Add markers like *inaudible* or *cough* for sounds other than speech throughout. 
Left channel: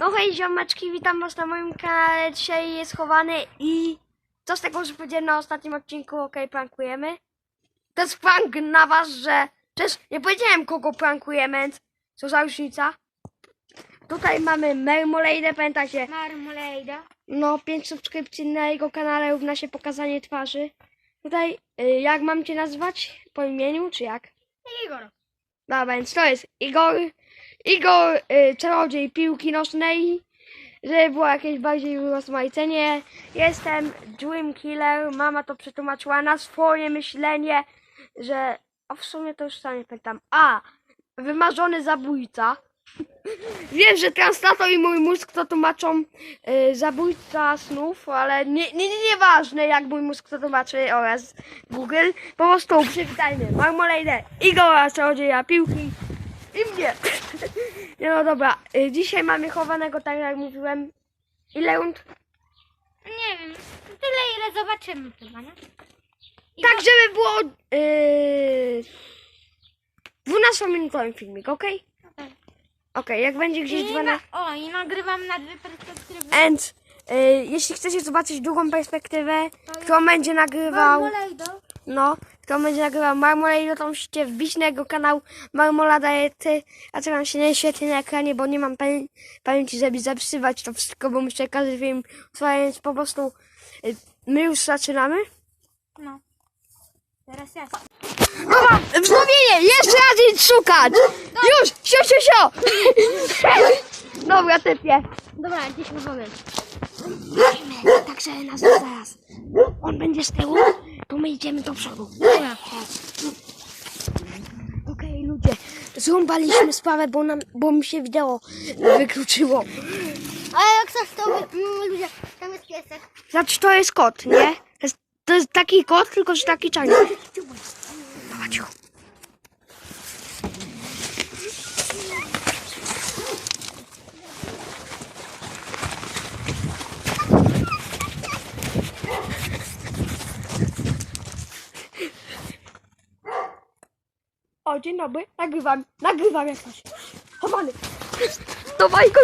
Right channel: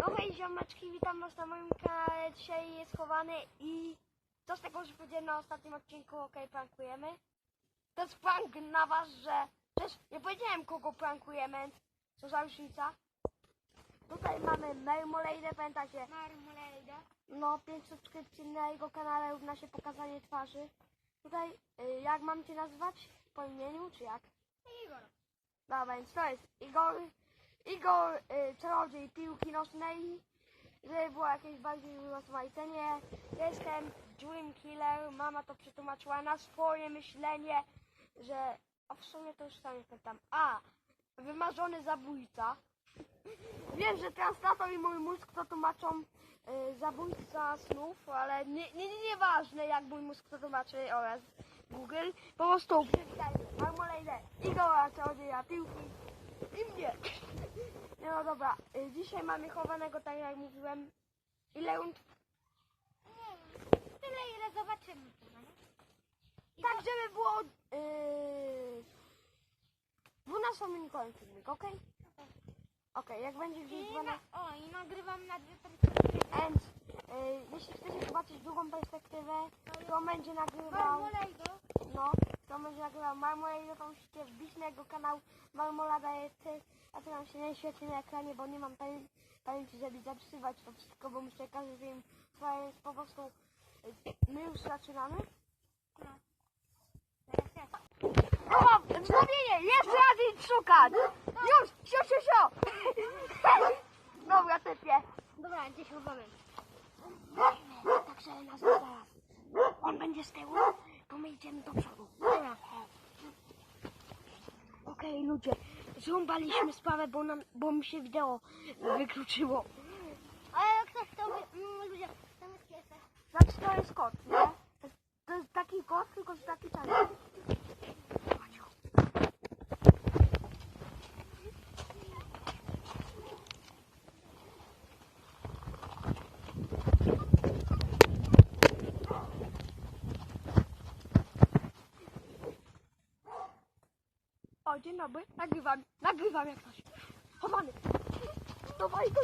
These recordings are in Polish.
No hej ziomeczki, witam was na moim kanale. Dzisiaj jest chowany i co z tego, że powiedziałem na ostatnim odcinku, okej, prankujemy. To jest prank na was, że przecież nie powiedziałem kogo prankujemy, więc co za różnica. Tutaj mamy Mermolade, pamiętacie? Marmolejda. No, 5 subskrypcji na jego kanale równa się pokazanie twarzy. Tutaj, y, jak mam cię nazwać? Po imieniu, czy jak? Igor. Dobra, więc to jest Igor, Igor, y, czarodziej piłki nożnej, żeby było jakieś bardziej rozmaicenie. Jestem Dream Killer, mama to przetłumaczyła na swoje myślenie, że, a w sumie to już sam nie pamiętam, a, wymarzony zabójca. *laughs* Wiem, że translator i mój mózg to tłumaczą y, zabójca snów, ale nie, nie, nie, nieważne jak mój mózg to tłumaczy oraz Google. Po prostu przywitajmy Marmolejdę, Igora, czarodzieja piłki i mnie. Nie *laughs* no dobra, y, dzisiaj mamy chowanego, tak jak mówiłem. Ile rund? Nie wiem, tyle ile zobaczymy chyba, nie? I Tak, żeby było yy, 12-minutowy filmik, ok? Okej. Okej, jak będzie gdzieś I 12... na, o, i nagrywam na dwie perspektywy. And y, jeśli chcecie zobaczyć drugą perspektywę, kto będzie nagrywał, no, kto będzie nagrywał Marmolade, to musicie wbić na jego kanał Marmolada ty, a co nam się nie świetnie na ekranie, bo nie mam pamię- pamięci, żeby zapisywać to wszystko, bo muszę każdy film więc po prostu y, my już zaczynamy. No. Teraz ja. Dobra, wznowienie, jeszcze raz idź szukać! Już, sio, sio, sio! Dobra, typie. Dobra, gdzieś możemy. Także nas zaraz. On będzie z tyłu, to my idziemy do przodu. Okej, ludzie, zrąbaliśmy sprawę, bo, nam, bo mi się wideo wykluczyło. A jak coś to mm, ludzie, tam jest piesek. Znaczy, to jest kot, nie? To jest, to jest taki kot, tylko że taki czarny. Dobra, dzień dobry. Nagrywam, nagrywam jak coś. Chowany. Dawaj go.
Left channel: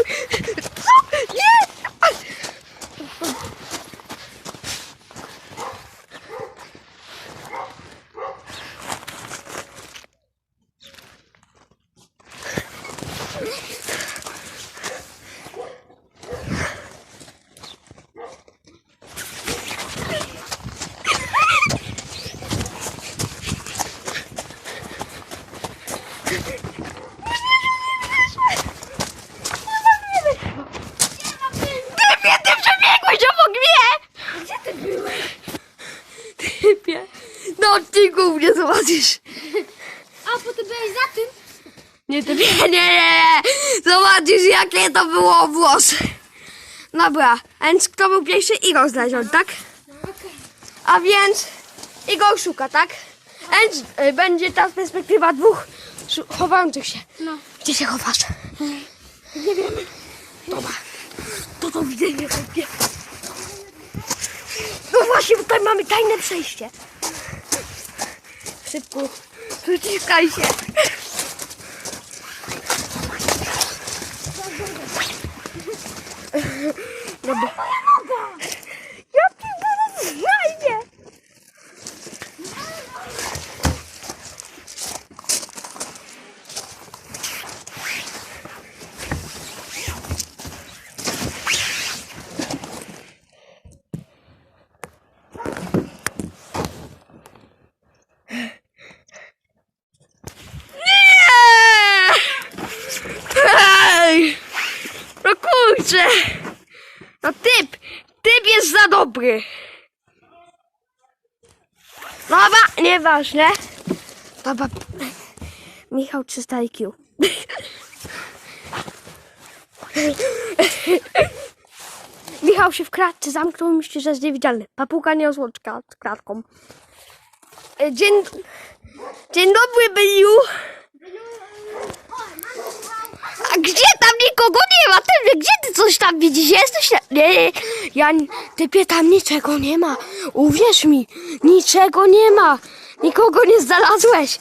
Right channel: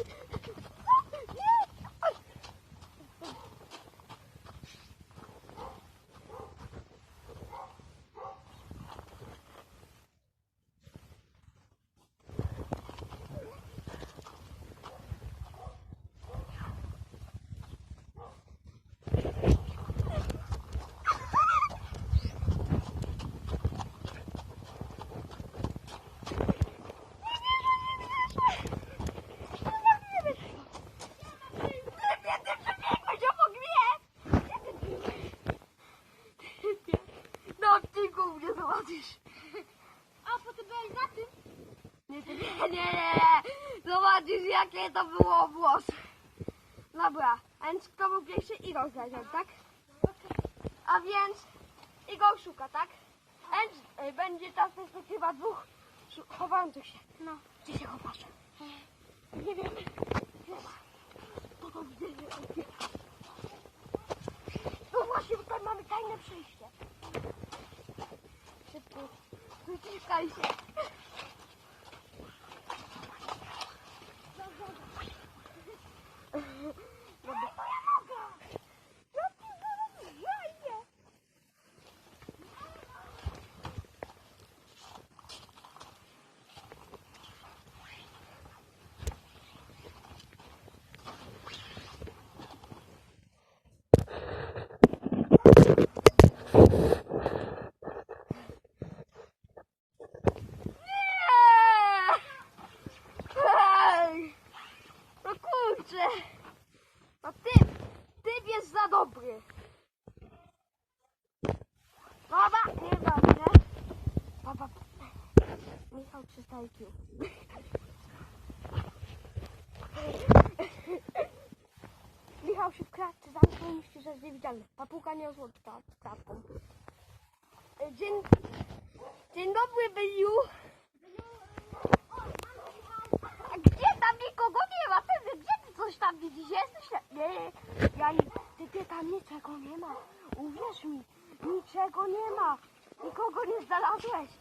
Co? Nie! Typie, ty przebiegłeś obok mnie! Gdzie ty byłeś? Typie, na odcinku mnie zobaczysz. A, ty byłeś za tym? Nie, typie, nie, nie, nie. Zobaczysz, jakie to było włosy. Dobra, a więc kto był pierwszy? Igor znaleziony, tak? A więc Igor szuka, tak? A więc y, będzie ta perspektywa dwóch szu- chowających się. No. Gdzie się chowasz? Nie wiem. Dobra. To do widzenia, chłopie. No właśnie, tutaj mamy tajne przejście. Szybko. Przyciskaj się. Dobra. Ja cię zaraz znajdę. Nie! Ej! No kurczę! No typ! Typ jest za dobry! Dobra, nieważne. Dobra. Michał 300 IQ. Michał się w klatce zamknął i myśli, że jest niewidzialny. Papuga nie rozłączka z klatką. E, Dzień, dzień dobry, Byliu. A gdzie nikogo nie ma? Ty, gdzie ty coś tam widzisz? Jesteś na... Nie, nie, ja... Typie, tam niczego nie ma. Uwierz mi, niczego nie ma. Nikogo nie znalazłeś.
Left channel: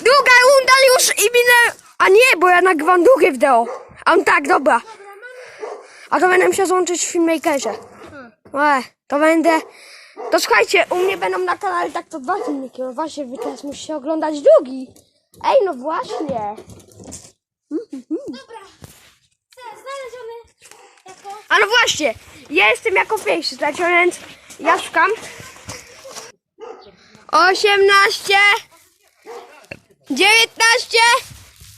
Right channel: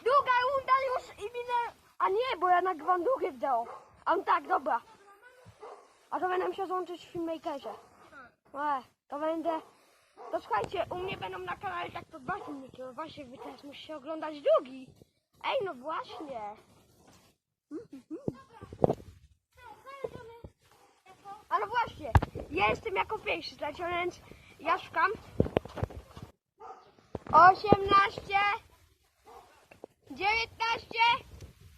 Druga runda już i minę... A nie, bo ja nagrywam drugie wideo. A tak, dobra. A to będę musiał złączyć w Filmmakerze. E, to będę... To słuchajcie, u mnie będą na kanale tak to dwa filmiki, no właśnie, wy teraz musicie oglądać drugi. Ej, no właśnie. Dobra. Cel znaleziony. Jako... A no właśnie, ja jestem jako pierwszy, znaczy, więc ja szukam. 18 19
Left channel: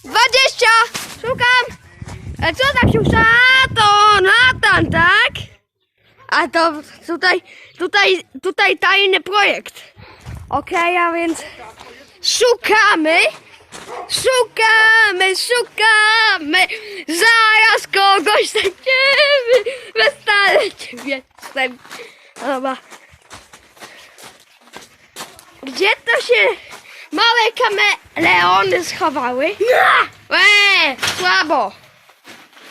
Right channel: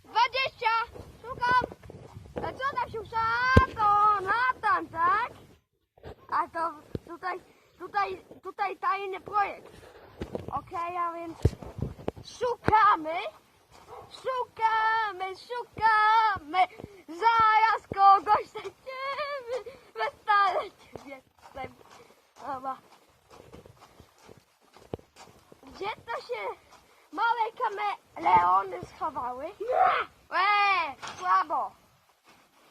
20 Szukam! A co tam się szuka? A to Natan, tak? A to tutaj, tutaj, tutaj tajny projekt. Okej, a więc szukamy, szukamy, szukamy, zaraz kogoś znajdziemy, westale ciebie jestem. Dobra. Gdzie to się małe kameleony schowały? Eee, słabo.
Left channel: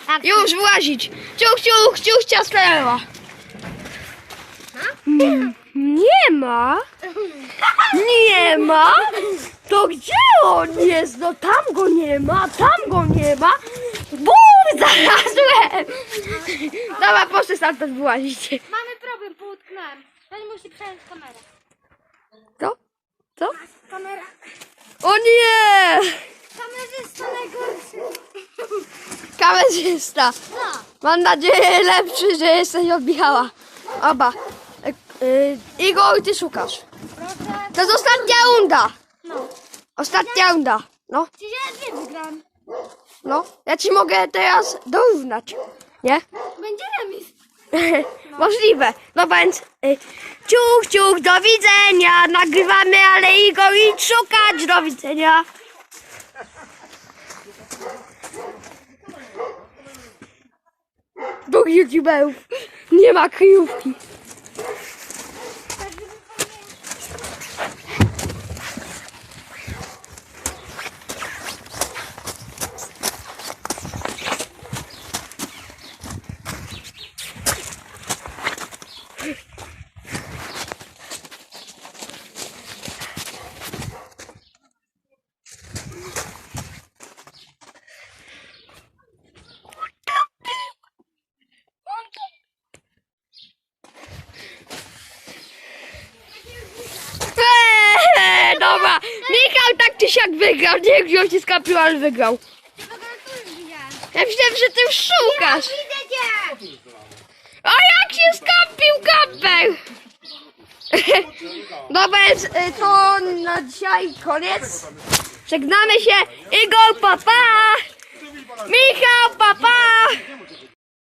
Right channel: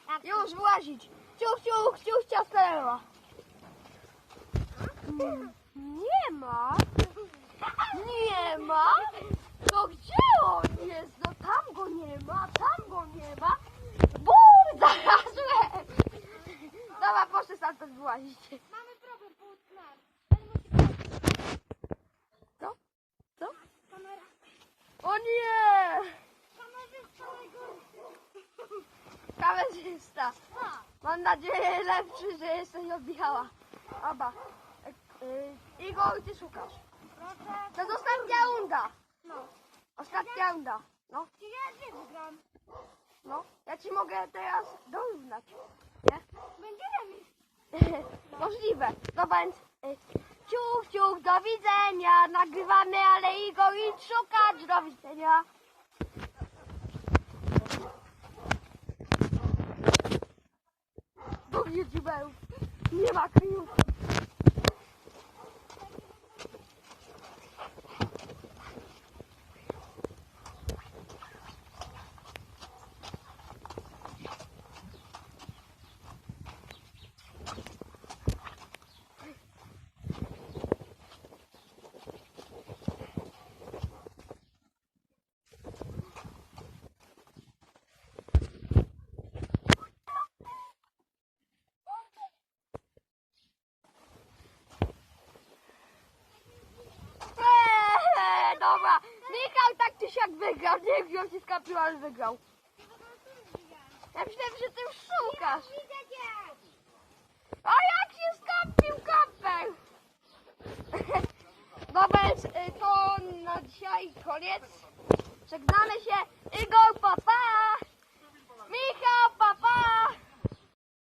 Tak. Już włazić. Ciuch, ciuch, ciuch, ciastlewa. Mm, Nie ma. Nie ma. To gdzie on jest? No tam go nie ma, tam go nie ma. Bum, znalazłem. Dobra, proszę stamtąd wyłazić. Mamy problem, poutknąłem. Pani musi przejąć kamerę. Co? Co? Kamera. O nie! Kamerzysta najgorszy. Kamerzysta. No. Mam nadzieję lepszy, że jesteś od Michała. Oba. E, e, Igor, ty szukasz. Proszę. To jest ostatnia runda. No. Ostatnia runda. No, Czyli ja dwie wygram. no. Ja ci mogę teraz dorównać. Nie? Będzie remis. *laughs* Możliwe. No więc y, ciuch, ciuch, do widzenia. Nagrywamy, ale Igor idź szukać. Do widzenia. Do youtuberów. Nie ma kryjówki. Eee, dobra. Michał tak czy siak wygrał. Nie wiem, gdzie się skapił, ale wygrał. Ja myślałem, że ty już szukasz. A jak się skapił kapel? *laughs* Dobra, y, to na dzisiaj koniec. Żegnamy się. Igor, papa. Michał, papa.